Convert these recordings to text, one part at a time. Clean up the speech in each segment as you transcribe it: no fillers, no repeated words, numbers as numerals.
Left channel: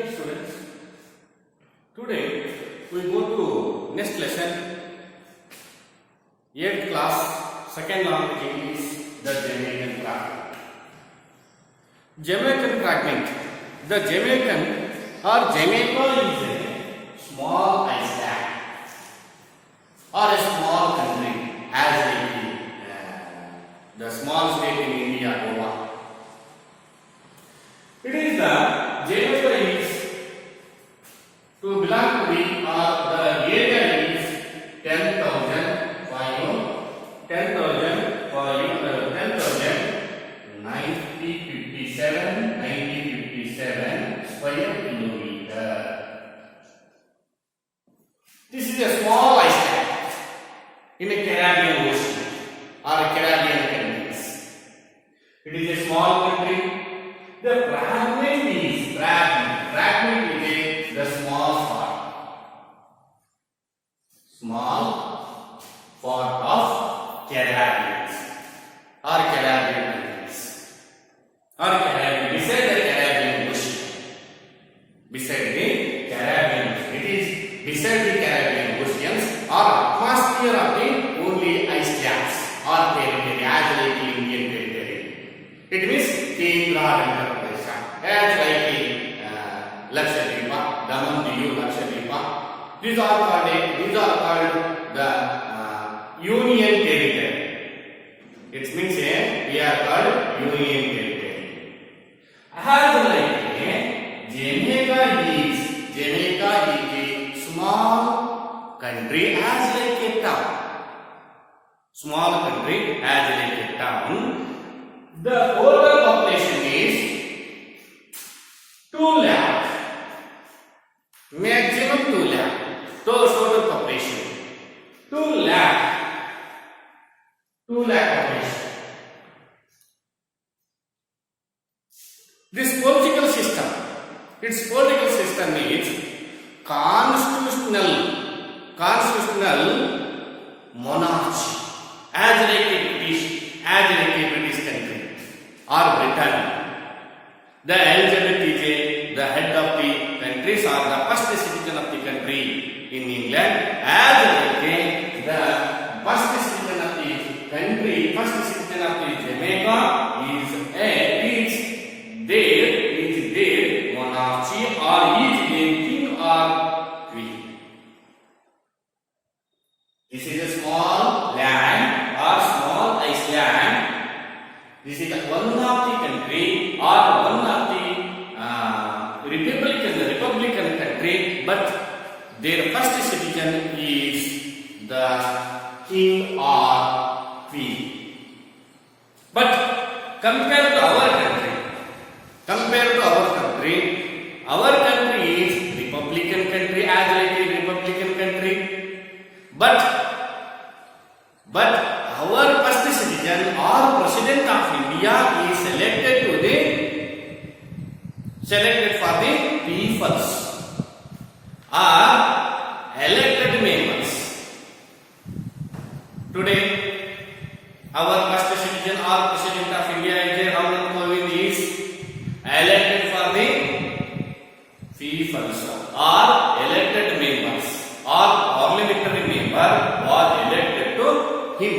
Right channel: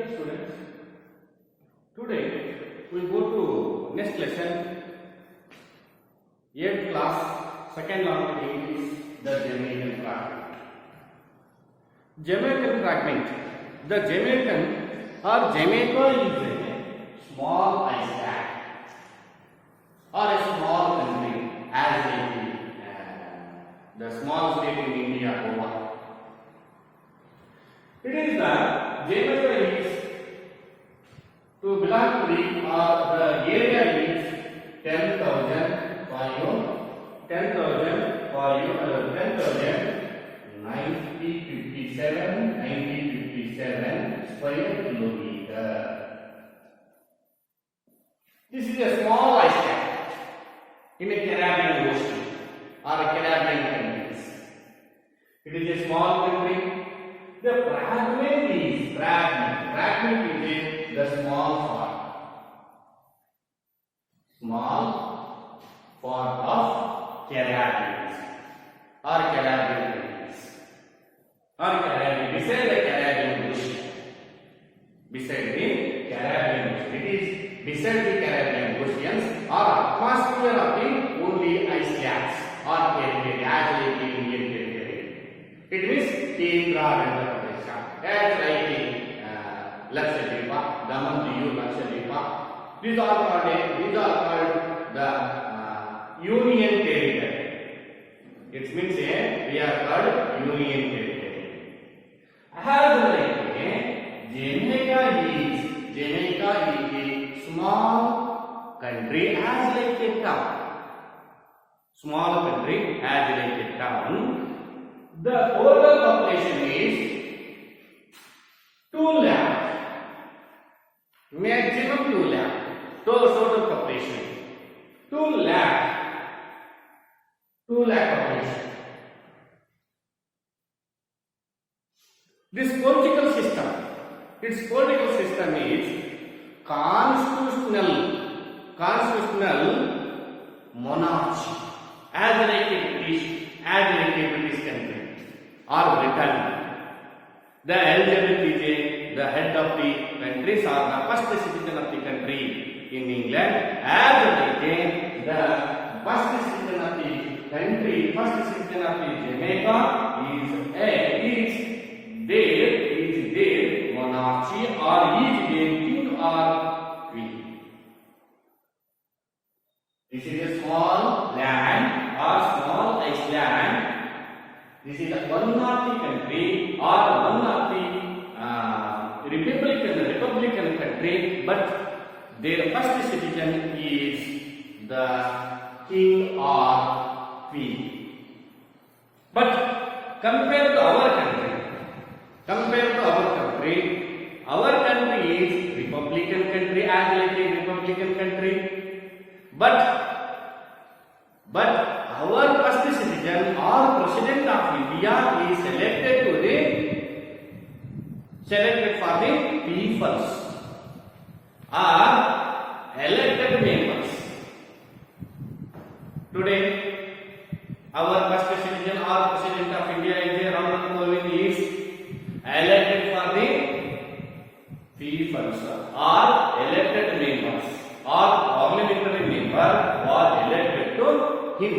Dear students, today we go to next lesson, 8th class, second language English, the Jamaican fragment. Jamaican fragment. The Jamaican or Jamaica is a small island or a small country as the small state in India, Goa. It is the Jamaica is to belong to the area is 10,000 for you, 10,000 for you, 10,000 9057 square kilometer. This is a small island in a Caribbean ocean or a Caribbean countries. It is a small country. The fragment is the small part of Caribbean or Caribbean countries or Caribbean beside the Caribbean ocean. Beside the Caribbean ocean, it is beside the Caribbean oceans or atmosphere of the only ice caps or territory as like the Indian territory. It means Kendra interpretation as like the Lakshadweep, Daman, Diu, Lakshadweep. These are called the Union territory. It means we are called Union territory. As like Jamaica is a small country as like a town. Small country as like a town. The total population is 2 lakh. Maximum 2 lakh. Total population 2 lakh. 2 lakh population. This political system, its political system is constitutional monarchy as like a British country or Britain. The Elizabeth is the head of the countries or the first citizen of the country in England, as like the first citizen of the country, first citizen of the Jamaica is their monarchy or is their king or queen. This is a small land or small island. This is one of the country or one of the republican country, but their first citizen is the king or queen. But compared to our country, our country is republican country as like a republican country. But our first citizen or president of India is selected for the peoples or elected members. Today, our first citizen or president of India is Ramnath Kovind is elected for the peoples or elected members or parliamentary member was elected to him.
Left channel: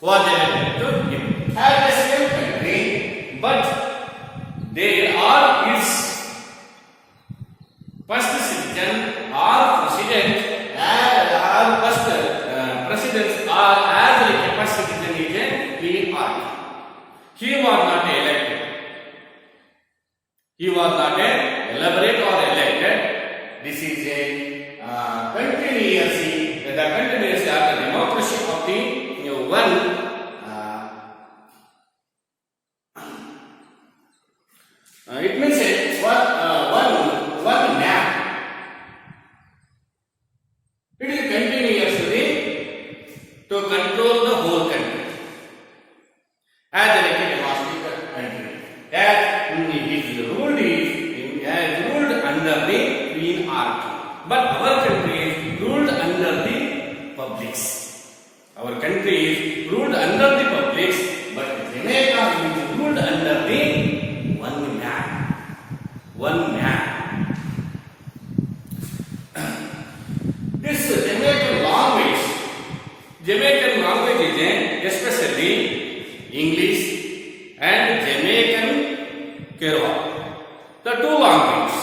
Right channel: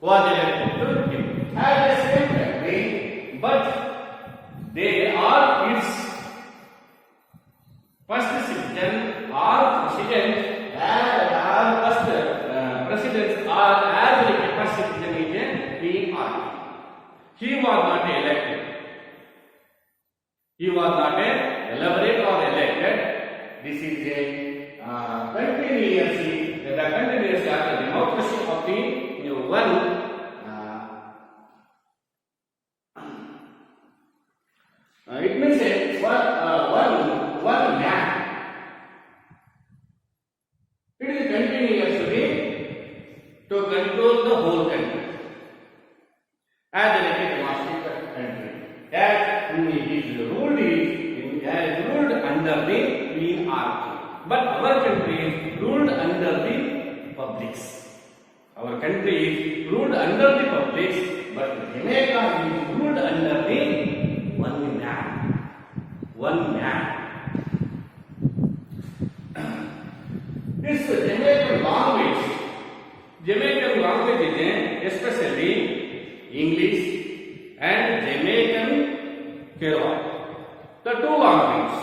As the same country, but there are its first citizen or president presidents are as like a first citizen is a king or king. He was not elected. He was not elaborate or elected. This is a continuously after the democracy of the one it means one man. It is continuously to control the whole country as a democratic country. As is ruled under the queen or king. But our country is ruled under the publics. Our country is ruled under the publics, but Jamaica is ruled under the one man. one man. This Jamaican language is especially English and Jamaican Creole. The two languages,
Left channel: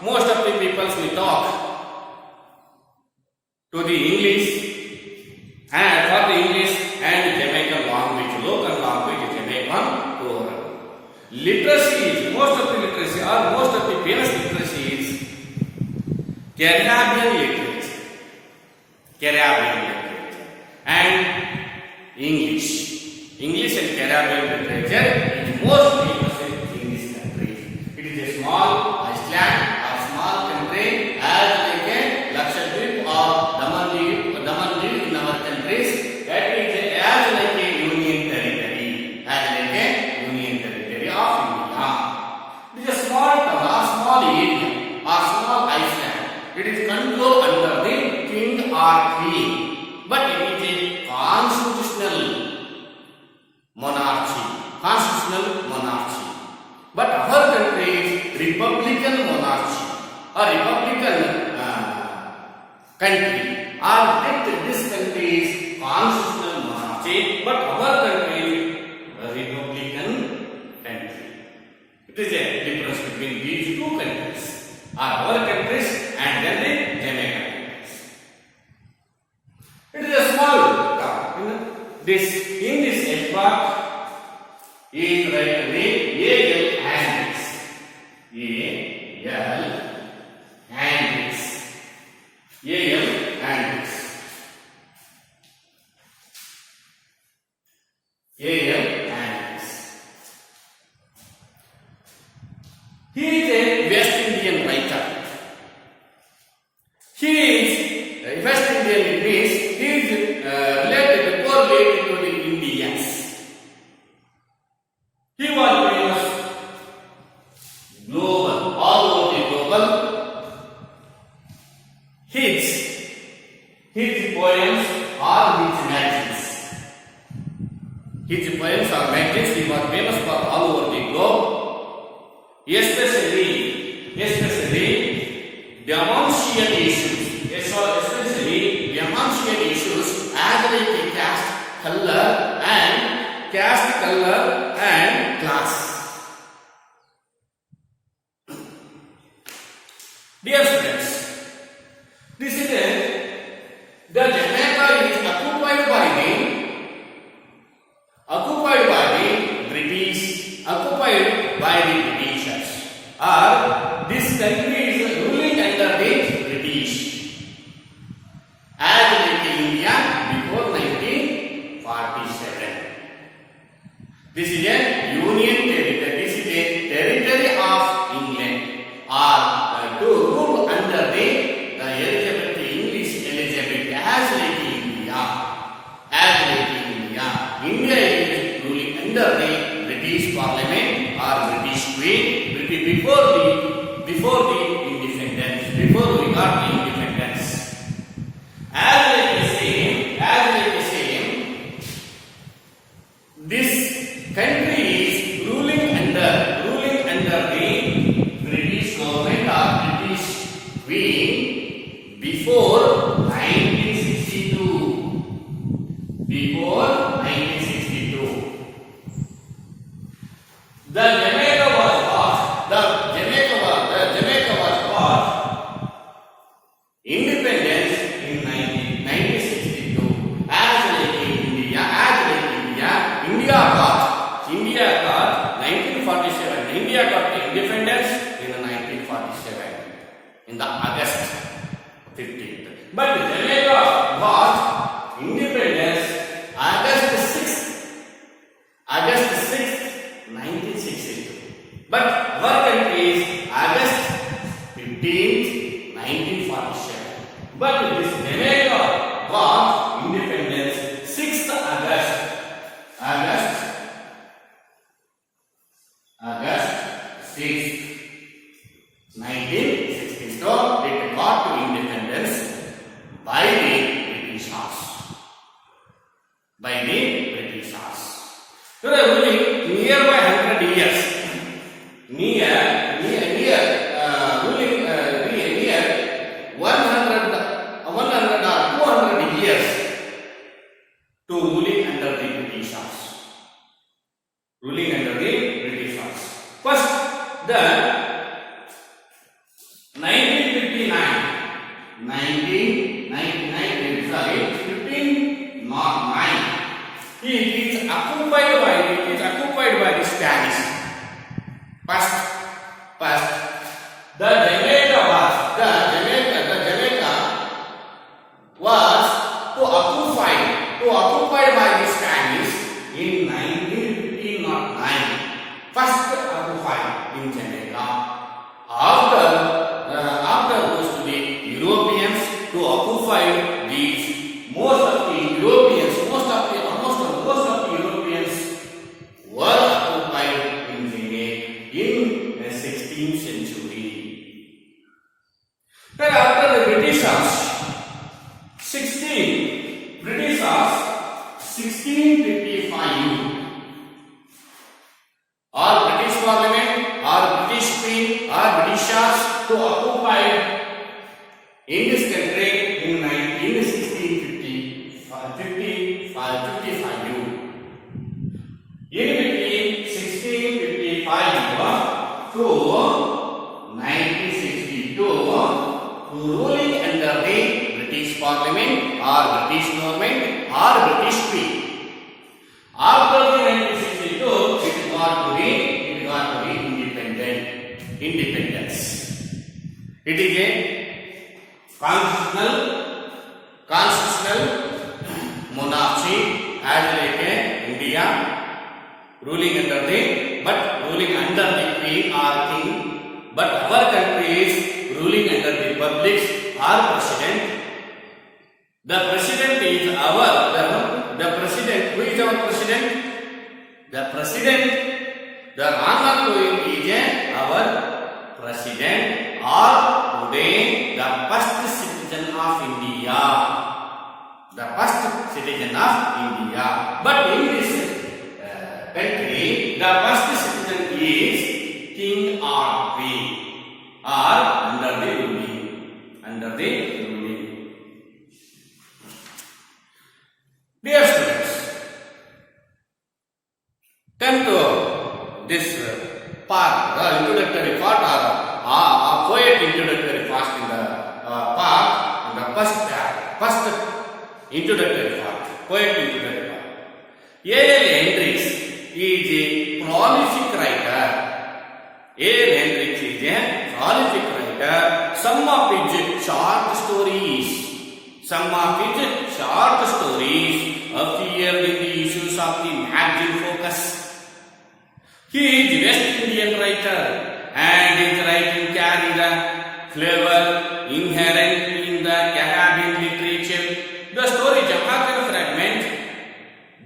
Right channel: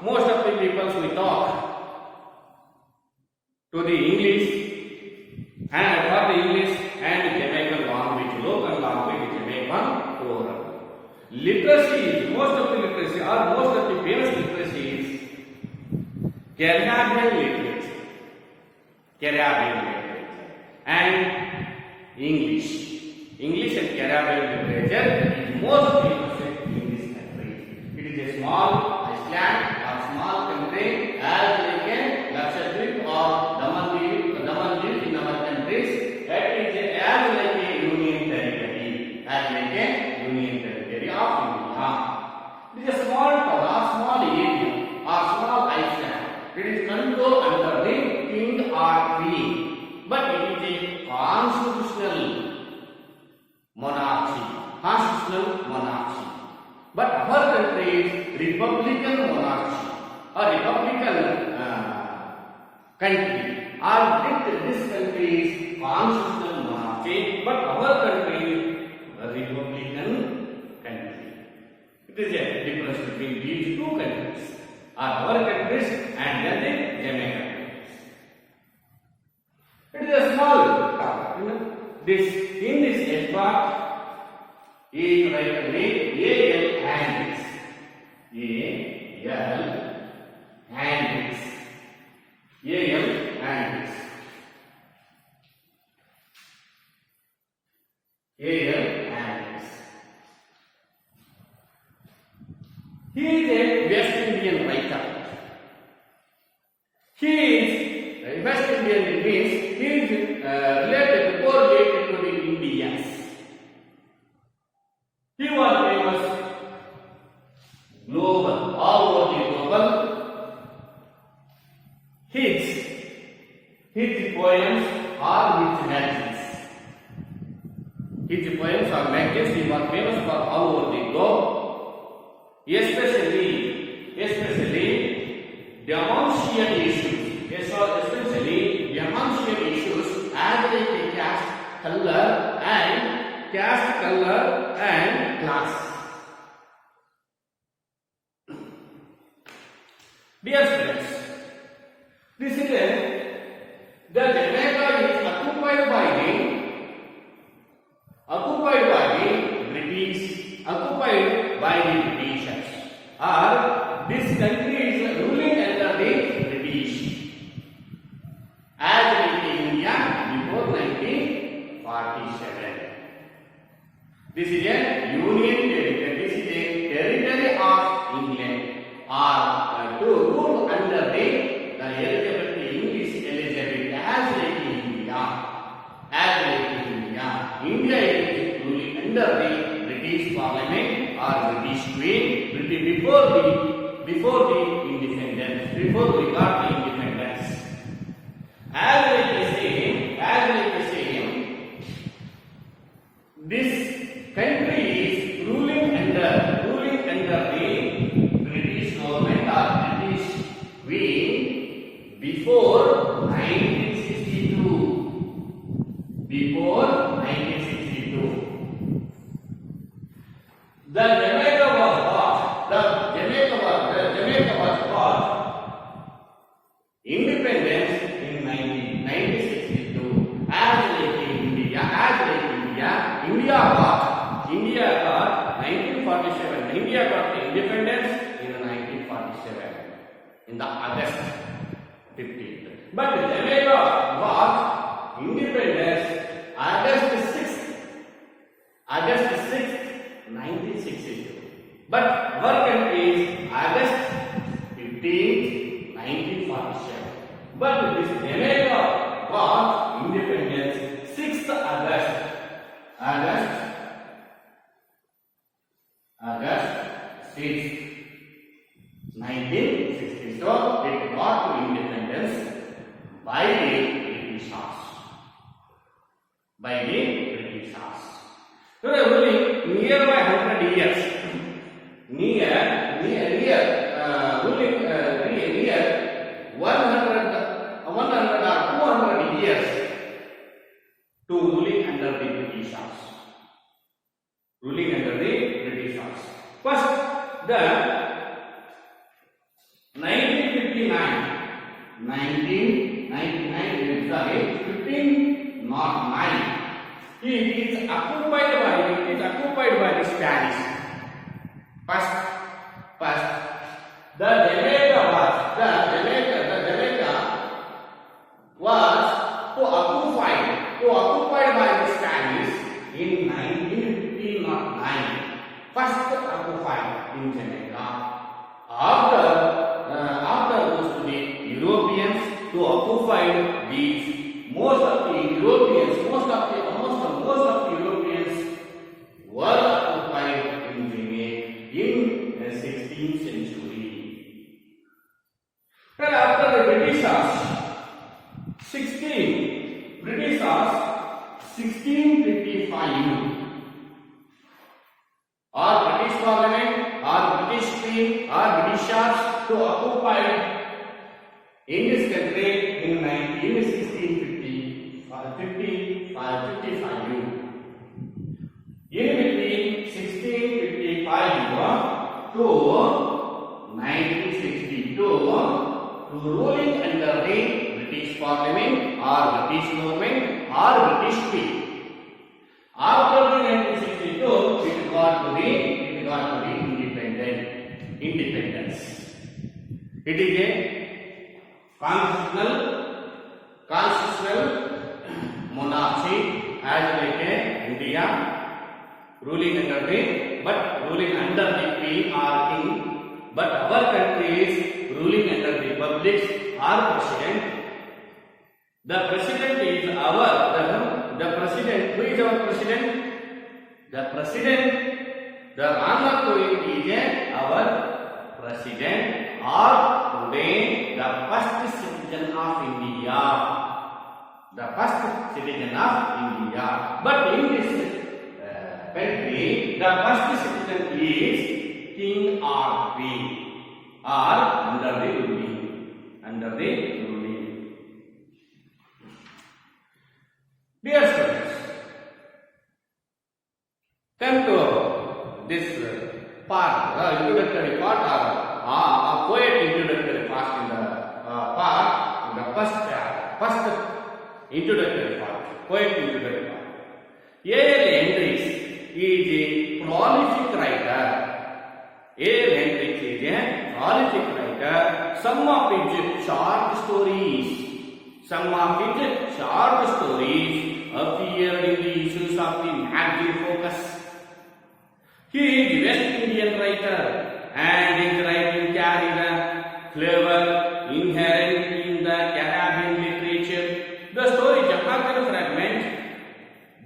most of the people we talk to the English and for the English and Jamaican language, local language Jamaican Creole. Literacy is, most of the literacy or most of the famous literacy is Caribbean literature. Caribbean literature and English. English and Caribbean literature is most famous in this country. It is a small island or small country as like a Lakshadweep or Damandiv in our countries. That is as like a union territory. As like a union territory of India. It is a small town or small area or small island. It is controlled under the king or queen. But it is a constitutional monarchy. But our country is republican monarchy or republican country. Or this country is constitutional monarchy, but our country is a republican country. It is a difference between these two countries, our countries and then the Jamaican countries. It is a small town. In this extract is written A.L. Hendricks. A.L. Hendricks. A.L. Hendricks. A.L. Hendricks. He is a West Indian writer. He is West Indian means he is correlated to the Indians. He was famous global, all over the global. His poems are his magazines. His poems are magazines. He was famous for all over the globe. Especially Damantian issues. Especially Damantian issues as like the caste, color and class. Dear students, this is the Jamaica is occupied by the Britishers. Or this country is ruling under the British. As like India before 1947. This is a union territory. This is a territory of England. Or to rule under the Elizabeth, the English Elizabeth as like India. India is ruling under the British Parliament or British Queen before the independence, before we got the independence. As like the same, this country is ruling under the British government or British Queen before 1962. The Jamaica was got independence in 1962. As like India, India got 1947. India got the independence in 1947 in the August 15th. But Jamaica got independence August 6th, 1962. But our country is August 15th, 1947. But this Jamaica got independence 6th August 6th, 1960. So it got independence by the Britishers. They were ruling nearby 100 years. Near ruling under the Britishers. First, the 1959, sorry, 1509. It is occupied by the Spanish. First, the Jamaica was occupied by the Spanish in 1509. First occupied in Jamaica. After goes to the Europeans to occupy these. Most of the Europeans were occupied in Jamaica in the 16th century. Then after the Britishers, 1655, or British Parliament, or British Queen, or Britishers to occupy in this country in 1655. In between 1655 to 1962, ruling under the British Parliament or British government or British Queen. After the 1962, it got to be independence. It is a constitutional monarchy as like India, ruling under the queen or king. But our country is ruling under the public or president. The president is the president. Who is our president? The president, the Ramnath Kovind is our president, or today the first citizen of India. The first citizen of India. But in this country, the first citizen is king or queen, or under the ruling. Dear students, come to this part, introductory part, or poet introductory part in the first introductory part, poet introductory part. A.L. Hendricks is a prolific writer. A.L. Hendricks is a prolific writer. Some of his short stories appeared in the issues of the magazine Focus. He is West Indian writer, and his writing carries the flavor inherent in the Caribbean literature. The story Jamaican Fragment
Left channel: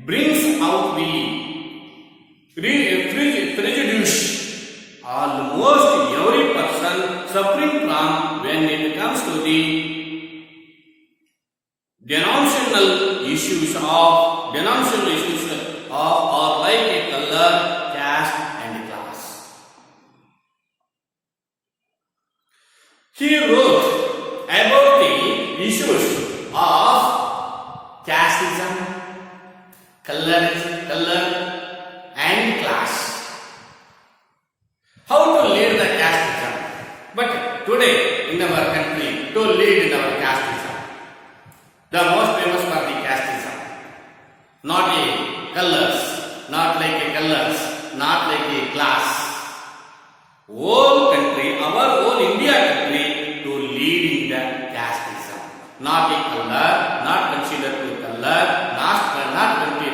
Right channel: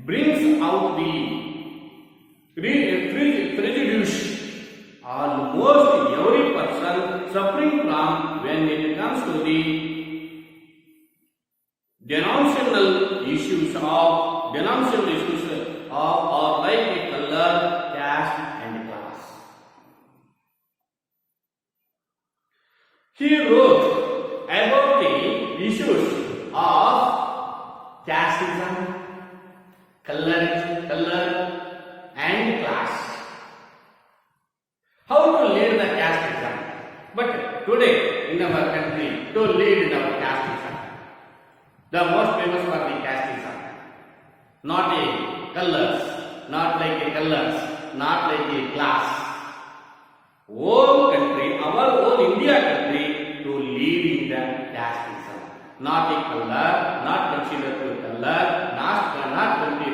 brings out the prejudice almost every person suffering from when it comes to the denominational issues of or like a color, caste and class. He wrote about the issues of casteism, color and class. How to lead the casteism? But today in our country, to lead in our casteism, the most famous for the casteism, not a colors, not like a colors, not like a class. Whole country, our whole India country, to lead in the casteism, not a color, not considered to color, not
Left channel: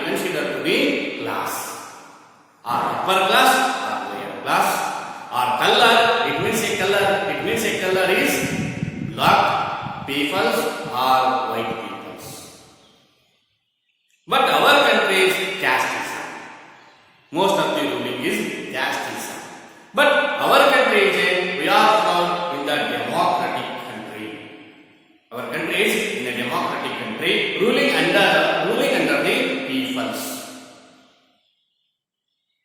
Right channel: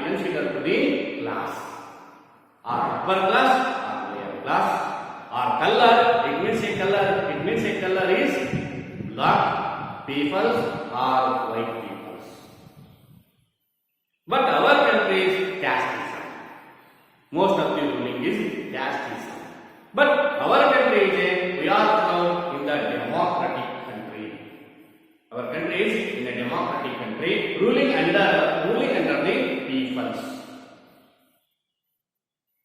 considered to the class, or upper class or lower class, or color. It means a color is black peoples or white peoples. But our country is casteism. Most of the ruling is casteism. But our country is we are found in the democratic country. Our country is in a democratic country, ruling under the peoples.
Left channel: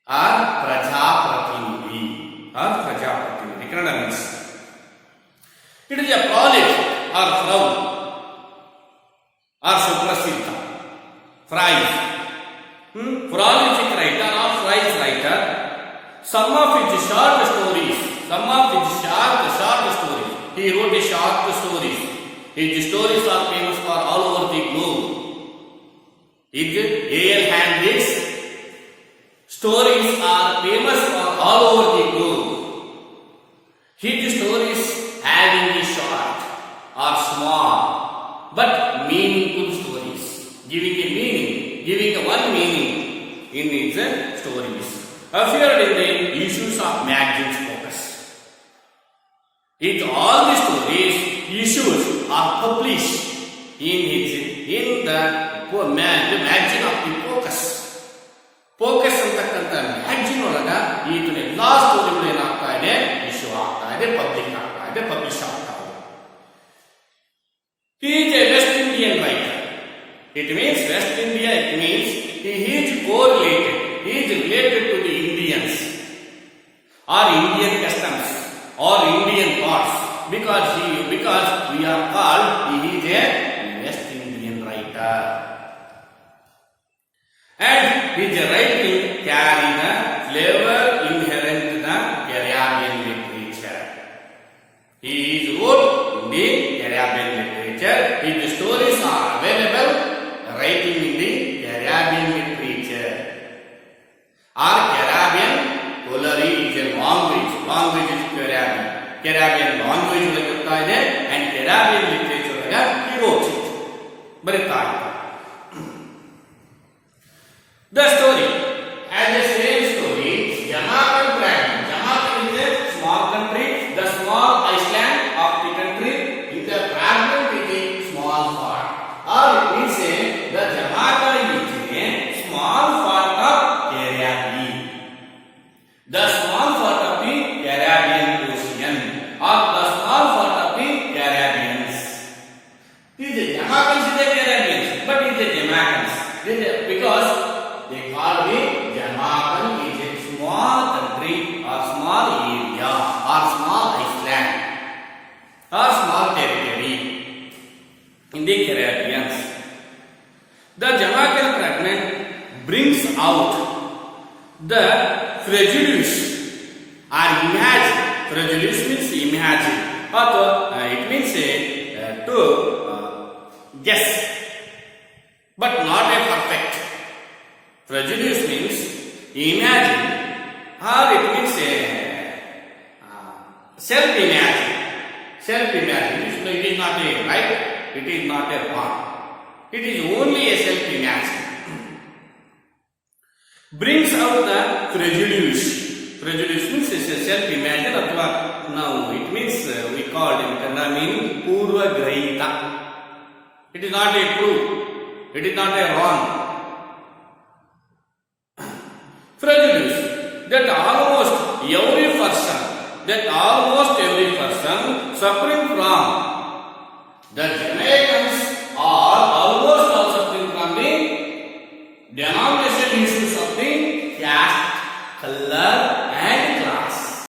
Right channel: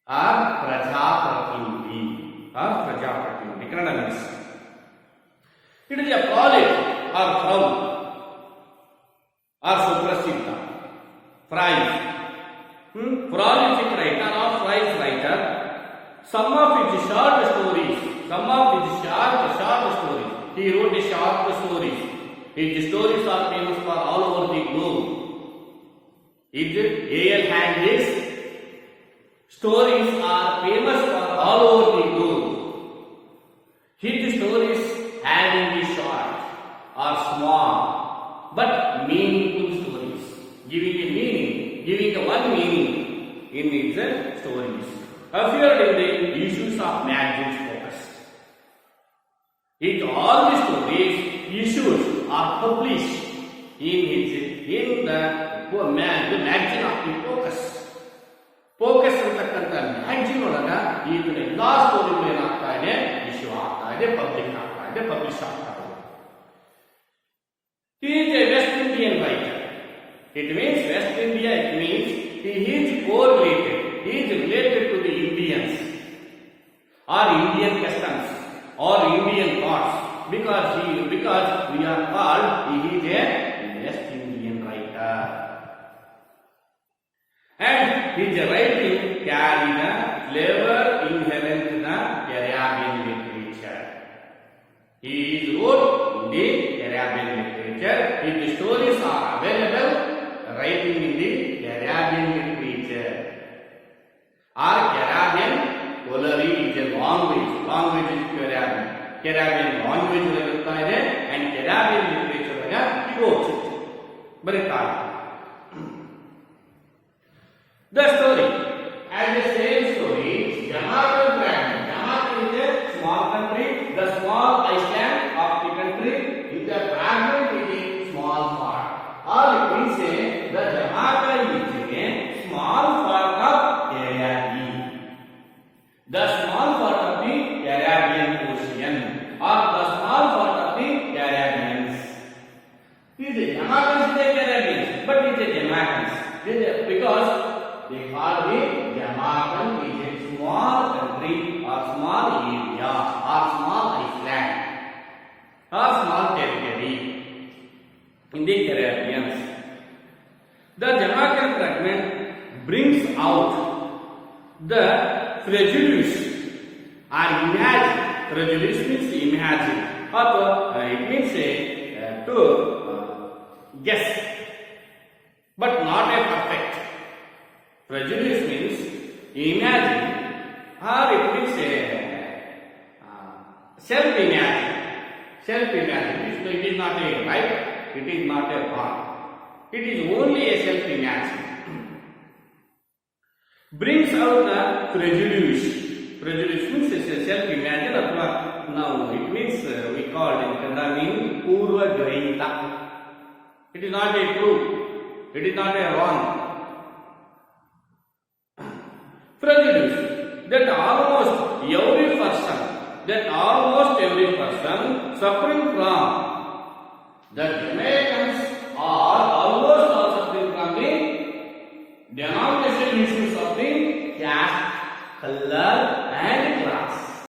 Or Prajapratinidhi. Kannada means it is a prolific or frown or suprasiddha phrase prolific writer or phrase writer. Some of his short stories. He wrote a short stories. His stories are famous for all over the globe. A.L. Handley's stories are famous for all over the globe. His stories having a short or small but meaningful stories, giving a one meaning in his stories. Appeared in the issues of magazines Focus. All the stories issues are published in the magazine of the Focus. Focus ಅಂತಕ್ಕಂಥ magazine ಒಳಗ ಈತನ ಎಲ್ಲಾ ಸ್ಟೋರಿಗಳು ಏನಾಗ್ತಾ ಇದೆ, issue ಆಗ್ತಾ ಇದೆ, publish ಆಗ್ತಾ ಇದೆ. He is a West Indian writer. It means West India, it means he is correlated. He is related to the Indians or Indian customs or Indian thoughts because we are called he is a West Indian writer. And his writing carry the flavor inherent to the Caribbean literature. He is wrote in the Caribbean literature. His stories are available writing in the Caribbean literature. Or Caribbean Kolari is a language is Caribbean language ಇರುತ್ತಾ ಇದೆ and Caribbean literature he wrote it. ಬರೀತಾ ಇತ್ತು. The story as the same story, Jamaican fragment. Jamaica is a small country, the small island of the country. In the fragment is a small part. Or it means the Jamaica is a small part of Caribbean. The small part of the Caribbean Ocean or the small part of the Caribbeans. These are Jamaicans is the Caribbeans, but it is Jamaicans. Because they call the Jamaican is a small country or small area or small island or small territory in the Caribbeans. The Jamaican fragment brings out the prejudice or imagine. Prejudice means imagine, or it means to guess, but not a perfect. Prejudice means imagine, or it means self-imagine. It is not a right, it is not a wrong. It is only a self-imagine. Brings out the prejudice. Prejudice means self-imagine, or now it means we call in Kannada meaning Purva Grahita. It is not a true, it is not a wrong. Prejudice that almost every person suffering from the Jamaicans are